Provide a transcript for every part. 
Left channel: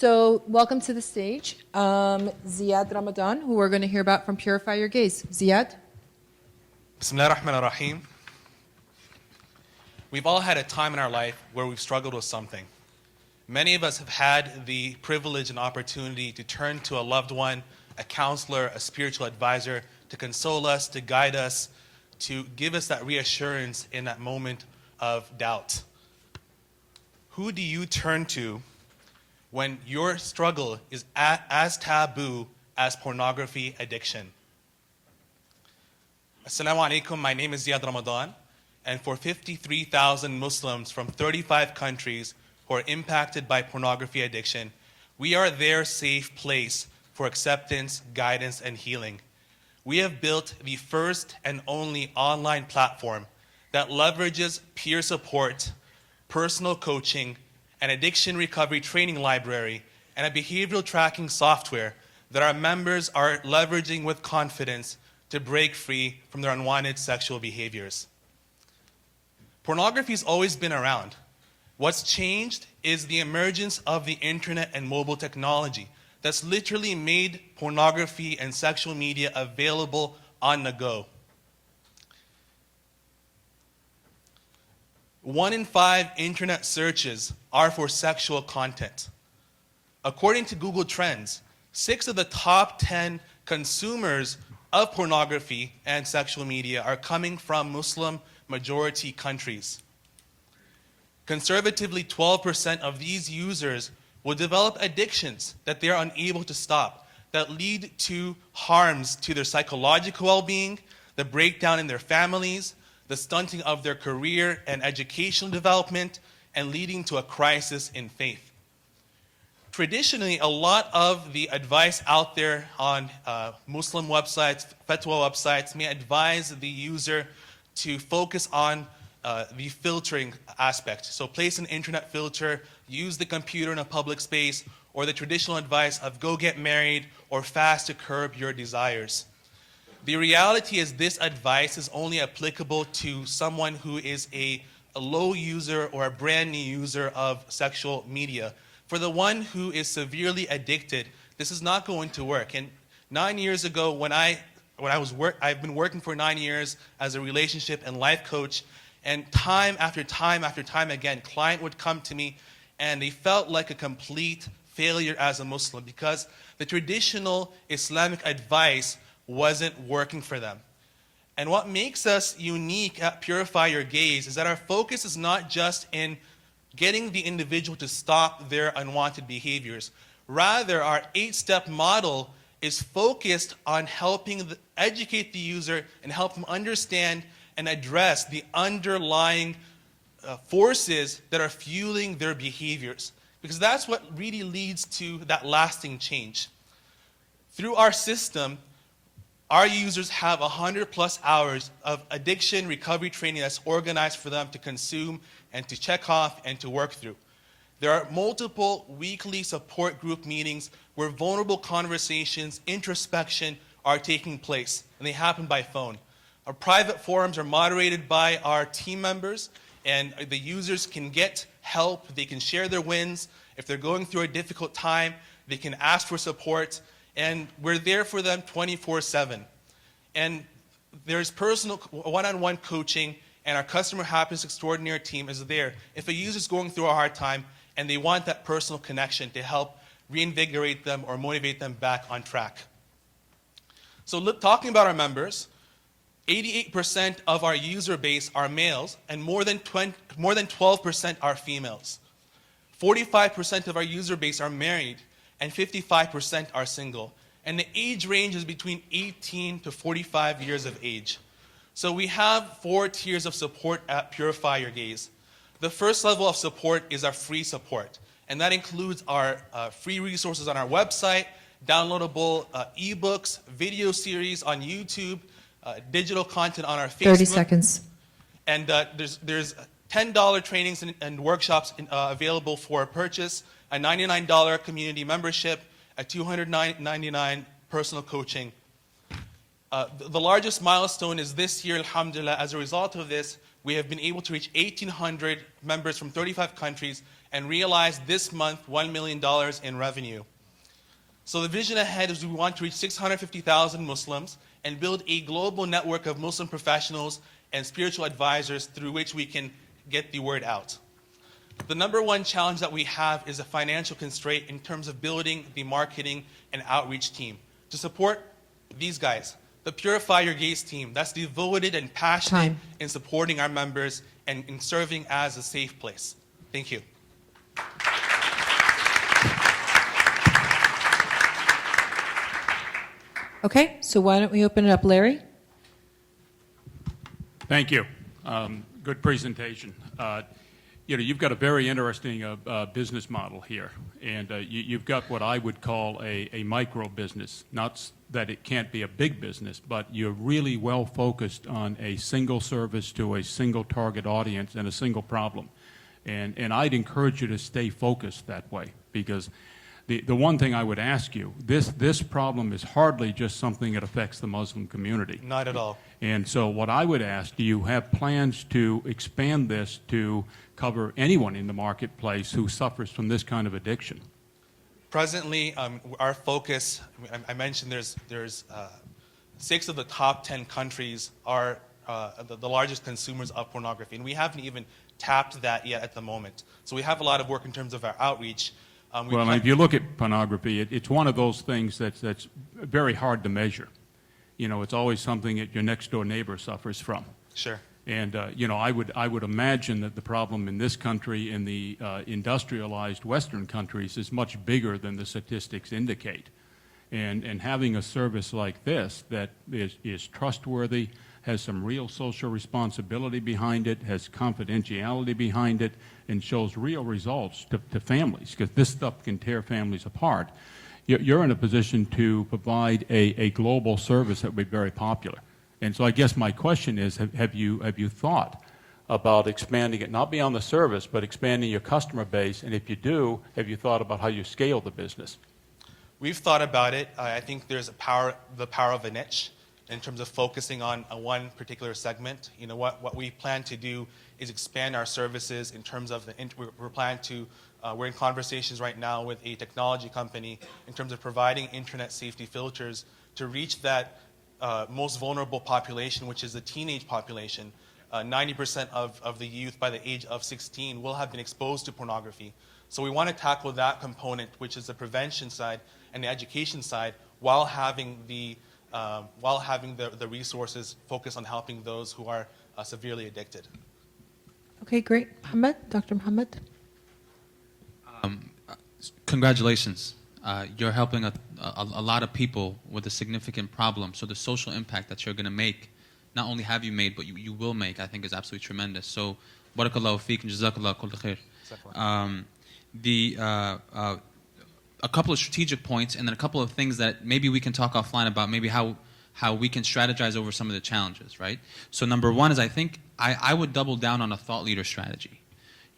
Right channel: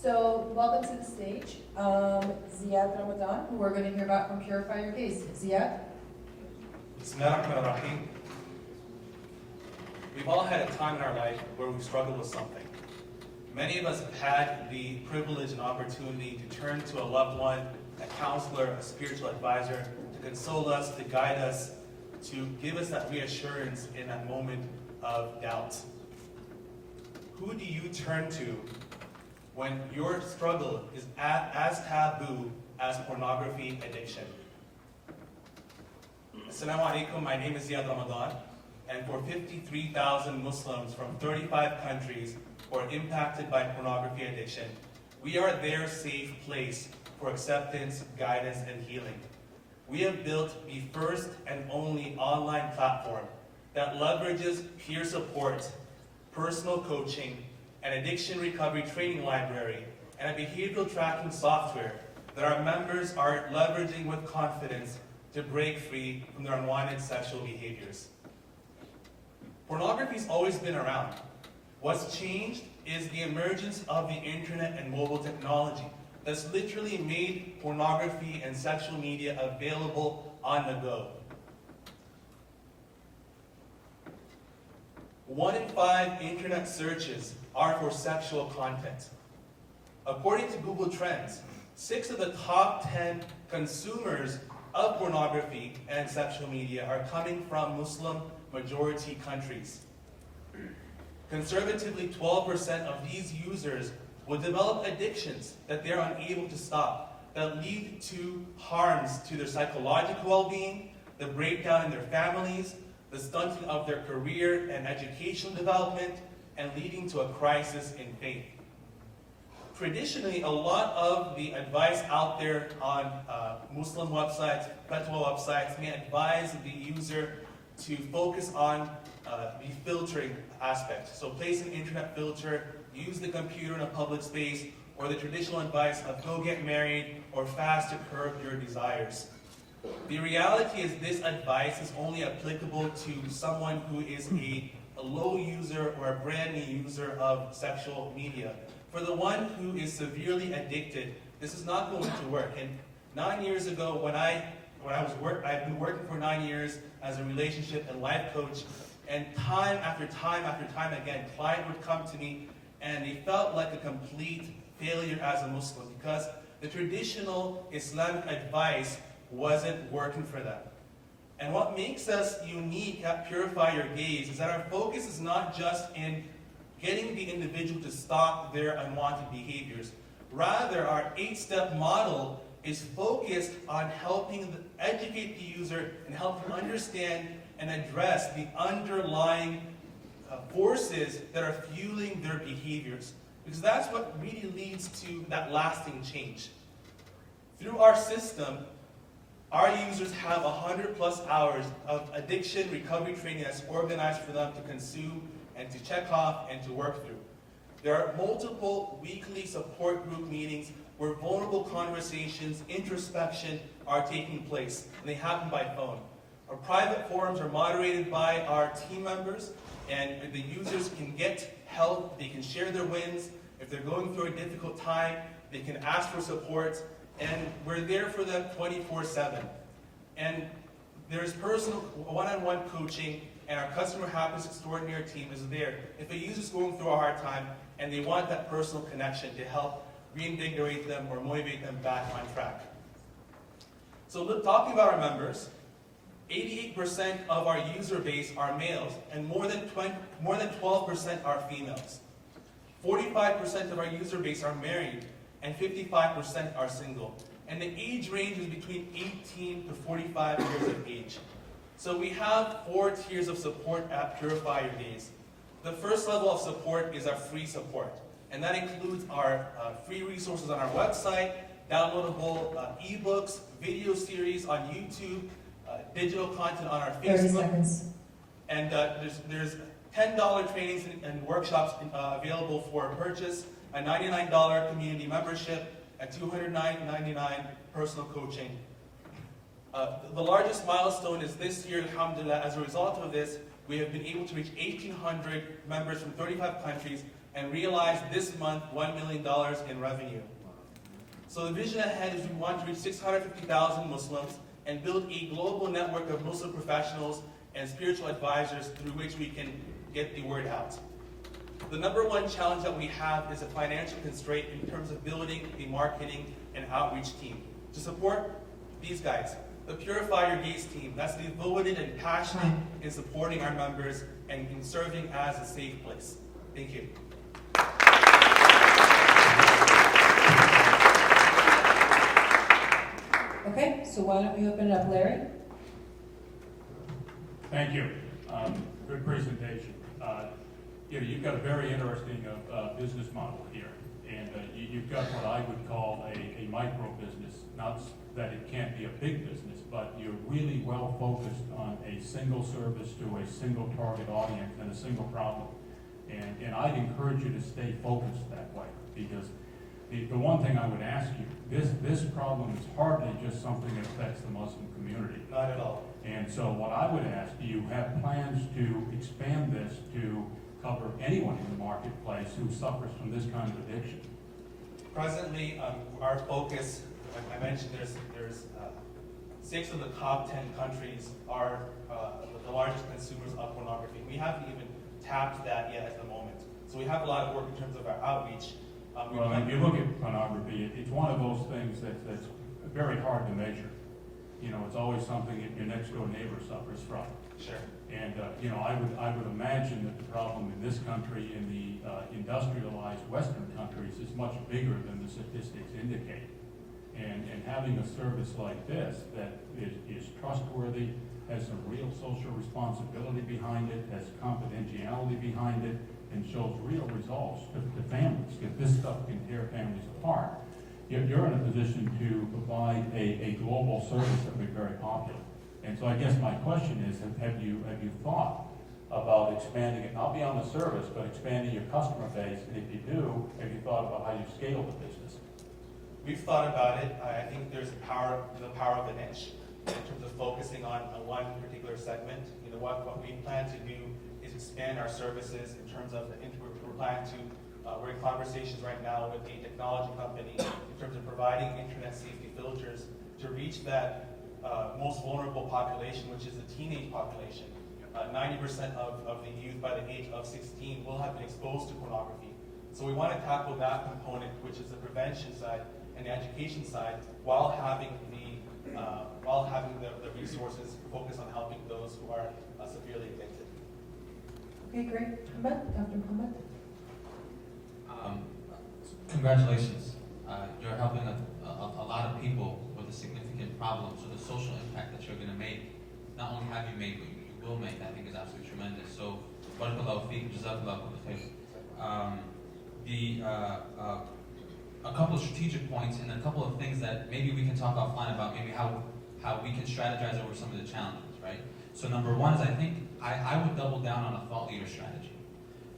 So welcome to the stage, Ziad Ramadan, who we're going to hear about from Purify Your Gaze. Ziad? Bismillah ar-Rahman ar-Rahim. We've all had a time in our life where we've struggled with something. Many of us have had the privilege and opportunity to turn to a loved one, a counselor, a spiritual advisor, to console us, to guide us, to give us that reassurance in that moment of doubt. Who do you turn to when your struggle is as taboo as pornography addiction? Assalamu alaikum, my name is Ziad Ramadan, and for 53,000 Muslims from 35 countries who are impacted by pornography addiction, we are their safe place for acceptance, guidance, and healing. We have built the first and only online platform that leverages peer support, personal coaching, an addiction recovery training library, and a behavioral tracking software that our members are leveraging with confidence to break free from their unwanted sexual behaviors. Pornography's always been around. What's changed is the emergence of the internet and mobile technology that's literally made pornography and sexual media available on the go. 1 in 5 internet searches are for sexual content. According to Google Trends, 6 of the top 10 consumers of pornography and sexual media are coming from Muslim majority countries. Conservatively, 12% of these users will develop addictions that they are unable to stop, that lead to harms to their psychological well-being, the breakdown in their families, the stunting of their career and educational development, and leading to a crisis in faith. Traditionally, a lot of the advice out there on Muslim websites, fatwa websites, may advise the user to focus on the filtering aspect. So place an internet filter, use the computer in a public space, or the traditional advice of go get married or fast to curb your desires. The reality is this advice is only applicable to someone who is a low user or a brand new user of sexual media. For the one who is severely addicted, this is not going to work. And 9 years ago, I've been working for 9 years as a relationship and life coach, and time after time after time again, client would come to me and they felt like a complete failure as a Muslim because the traditional Islamic advice wasn't working for them. And what makes us unique at Purify Your Gaze is that our focus is not just in getting the individual to stop their unwanted behaviors. Rather, our 8-step model is focused on helping educate the user and help them understand and address the underlying forces that are fueling their behaviors. Because that's what really leads to that lasting change. Through our system, our users have 100+ hours of addiction recovery training that's organized for them to consume and to check off and to work through. There are multiple weekly support group meetings where vulnerable conversations, introspection are taking place, and they happen by phone. Our private forums are moderated by our team members, and the users can get help, they can share their wins. If they're going through a difficult time, they can ask for support, and we're there for them 24/7. And there's personal one-on-one coaching, and our customer happiness extraordinary team is there if a user's going through a hard time and they want that personal connection to help reinvigorate them or motivate them back on track. So talking about our members, 88% of our user base are males, and more than 12% are females. 45% of our user base are married, and 55% are single. And the age range is between 18 to 45 years of age. So we have 4 tiers of support at Purify Your Gaze. The first level of support is our free support, and that includes our free resources on our website, downloadable ebooks, video series on YouTube, digital content on our Facebook. 30 seconds. And there's $10 trainings and workshops available for purchase, a $99 community membership, a $299 personal coaching. The largest milestone is this year, alhamdulillah. As a result of this, we have been able to reach 1,800 members from 35 countries and realized this month $1 million in revenue. So the vision ahead is we want to reach 650,000 Muslims and build a global network of Muslim professionals and spiritual advisors through which we can get the word out. The number one challenge that we have is a financial constraint in terms of building the marketing and outreach team. To support these guys, the Purify Your Gaze team, that's devoted and passionate in supporting our members and in serving as a safe place. Thank you. Okay, so why don't we open it up, Larry? Thank you. Good presentation. You've got a very interesting business model here, and you've got what I would call a micro business. Not that it can't be a big business, but you're really well focused on a single service to a single target audience and a single problem. And I'd encourage you to stay focused that way, because the one thing I would ask you, this problem is hardly just something that affects the Muslim community. Not at all. And so what I would ask, do you have plans to expand this to cover anyone in the marketplace who suffers from this kind of addiction? Presently, our focus, I mentioned there's 6 of the top 10 countries are the largest consumers of pornography, and we haven't even tapped that yet at the moment. So we have a lot of work in terms of our outreach. Well, if you look at pornography, it's one of those things that's very hard to measure. It's always something that your next door neighbor suffers from. Sure. And I would imagine that the problem in this country, in the industrialized Western countries, is much bigger than the statistics indicate. And having a service like this that is trustworthy, has some real social responsibility behind it, has confidentiality behind it, and shows real results to families, because this stuff can tear families apart. You're in a position to provide a global service that would be very popular. And so I guess my question is, have you thought about expanding it, not beyond the service, but expanding your customer base? And if you do, have you thought about how you scale the business? We've thought about it. I think there's the power of a niche in terms of focusing on one particular segment. What we plan to do is expand our services in terms of we're in conversations right now with a technology company in terms of providing internet safety filters to reach that most vulnerable population, which is the teenage population. 90% of the youth by the age of 16 will have been exposed to pornography. So we want to tackle that component, which is the prevention side and the education side, while having the resources focused on helping those who are severely addicted. Okay, great. Dr. Muhammad? Congratulations. You're helping a lot of people with a significant problem. So the social impact that you're going to make, not only have you made, but you will make, I think is absolutely tremendous. So, barakallahu feek and jazakallah kull khair. A couple of strategic points, and then a couple of things that maybe we can talk offline about, maybe how we can strategize over some of the challenges, right? So number one is, I think I would double down on a thought leader strategy.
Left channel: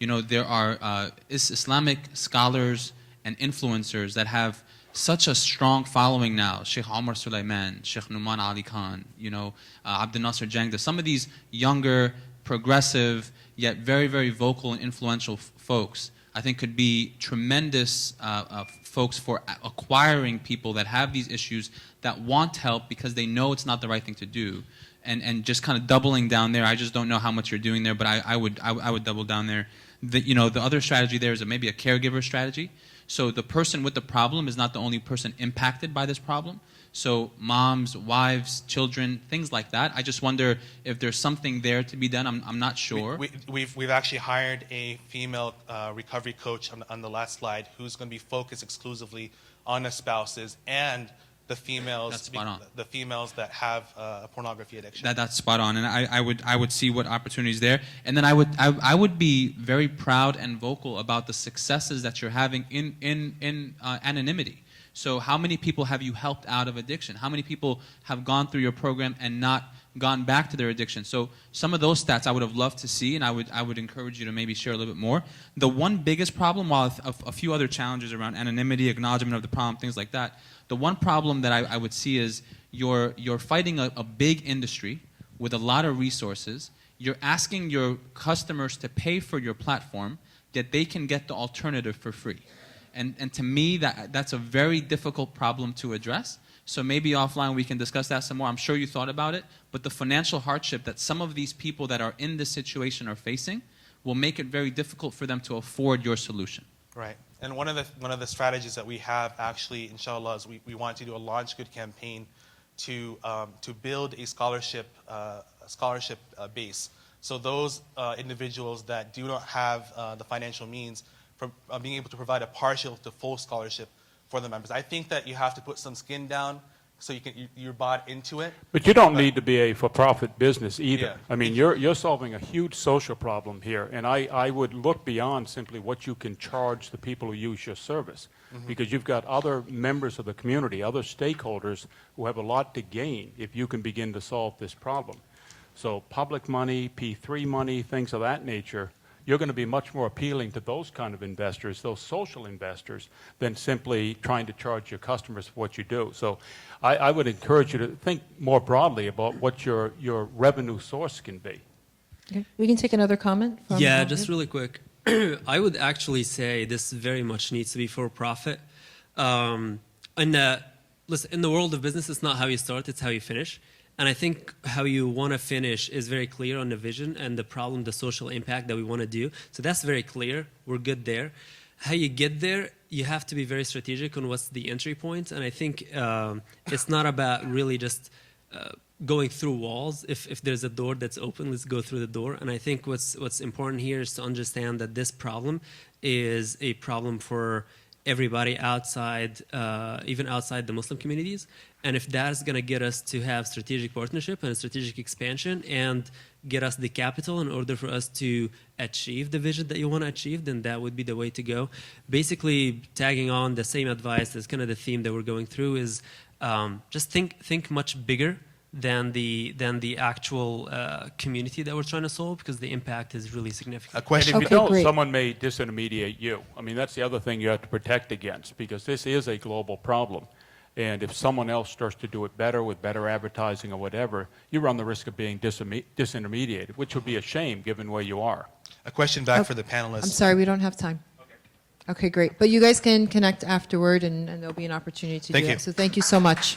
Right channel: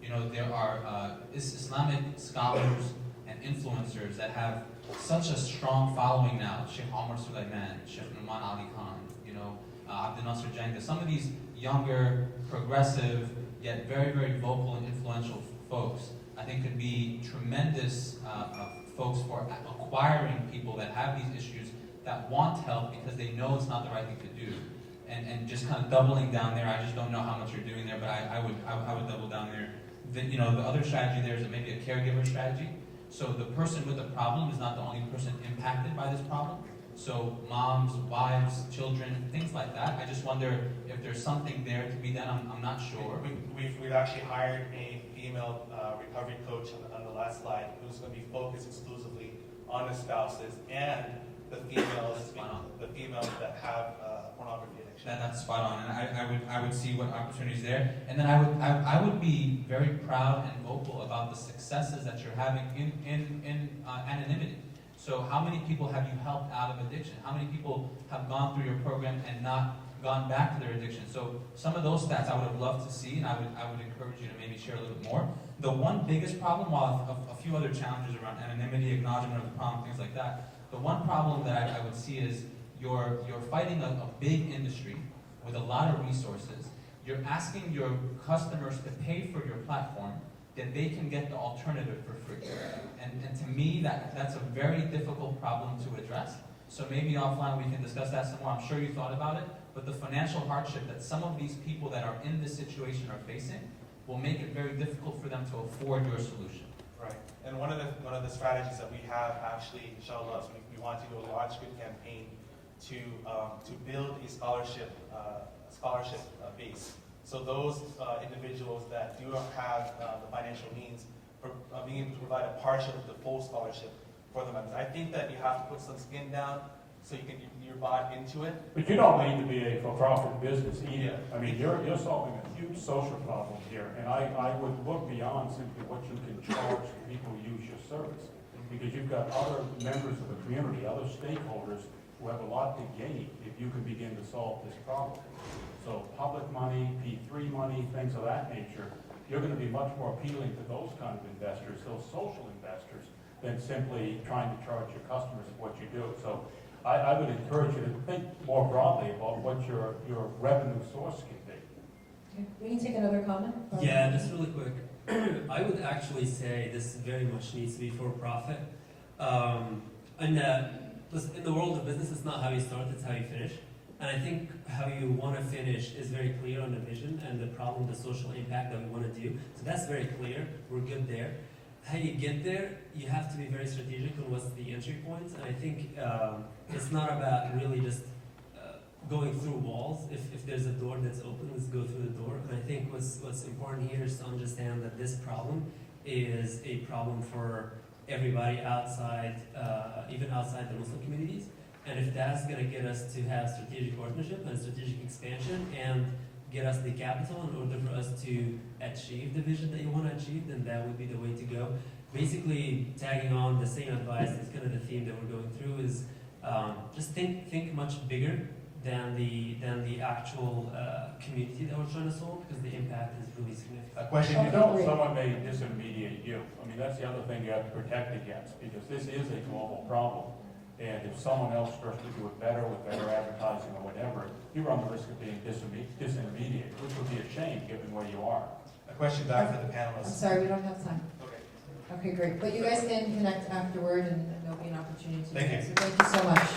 There are Islamic scholars and influencers that have such a strong following now. Sheikh Omar Sulaiman, Sheikh Numan Ali Khan, Abdel Nasser Jangda, some of these younger, progressive, yet very, very vocal and influential folks, I think could be tremendous folks for acquiring people that have these issues, that want help because they know it's not the right thing to do. And just kind of doubling down there. I just don't know how much you're doing there, but I would double down there. The other strategy there is maybe a caregiver strategy. So the person with the problem is not the only person impacted by this problem. So moms, wives, children, things like that. I just wonder if there's something there to be done. I'm not sure. We've actually hired a female recovery coach on the last slide, who's going to be focused exclusively on the spouses and the females that have a pornography addiction. That's spot on, and I would see what opportunities there, and then I would be very proud and vocal about the successes that you're having in anonymity. So how many people have you helped out of addiction? How many people have gone through your program and not gone back to their addiction? So some of those stats I would have loved to see, and I would encourage you to maybe share a little bit more. The one biggest problem, while a few other challenges around anonymity, acknowledgement of the problem, things like that, the one problem that I would see is you're fighting a big industry with a lot of resources. You're asking your customers to pay for your platform. yet they can get the alternative for free. And to me, that's a very difficult problem to address. So maybe offline we can discuss that some more. I'm sure you thought about it, but the financial hardship that some of these people that are in this situation are facing will make it very difficult for them to afford your solution. Right. And one of the strategies that we have actually, inshallah, is we want to do a Launch Good campaign to build a scholarship base. So those individuals that do not have the financial means for being able to provide a partial to full scholarship for the members. I think that you have to put some skin down so you're bought into it. But you don't need to be a for-profit business either. Yeah. I mean, you're solving a huge social problem here, and I would look beyond simply what you can charge the people who use your service, because you've got other members of the community, other stakeholders who have a lot to gain if you can begin to solve this problem. So public money, P3 money, things of that nature, you're going to be much more appealing to those kind of investors, those social investors, than simply trying to charge your customers for what you do. So I would encourage you to think more broadly about what your revenue source can be. Okay. We can take another comment. Yeah, just really quick. I would actually say this very much needs to be for profit. Listen, in the world of business, it's not how you start, it's how you finish. And I think how you want to finish is very clear on the vision and the problem, the social impact that we want to do. So that's very clear. We're good there. How you get there, you have to be very strategic on what's the entry point. And I think it's not about really just going through walls. If there's a door that's open, let's go through the door. And I think what's important here is to understand that this problem is a problem for everybody outside, even outside the Muslim communities. And if that's going to get us to have strategic partnership and strategic expansion and get us the capital in order for us to achieve the vision that you want to achieve, then that would be the way to go. Basically, tagging on the same advice, that's kind of the theme that we're going through, is just think much bigger than the actual community that we're trying to solve, because the impact is really significant. A question. And if you Okay, don't, great. someone may disintermediate you. I mean, that's the other thing you have to protect against, because this is a global problem. And if someone else starts to do it better with better advertising or whatever, you run the risk of being disintermediated, which would be a shame given where you are. A question back for the panelists. I'm sorry, we don't have time. Okay, great. But you guys can connect afterward, and there'll be an opportunity to Thank do you. that. So thank you so much.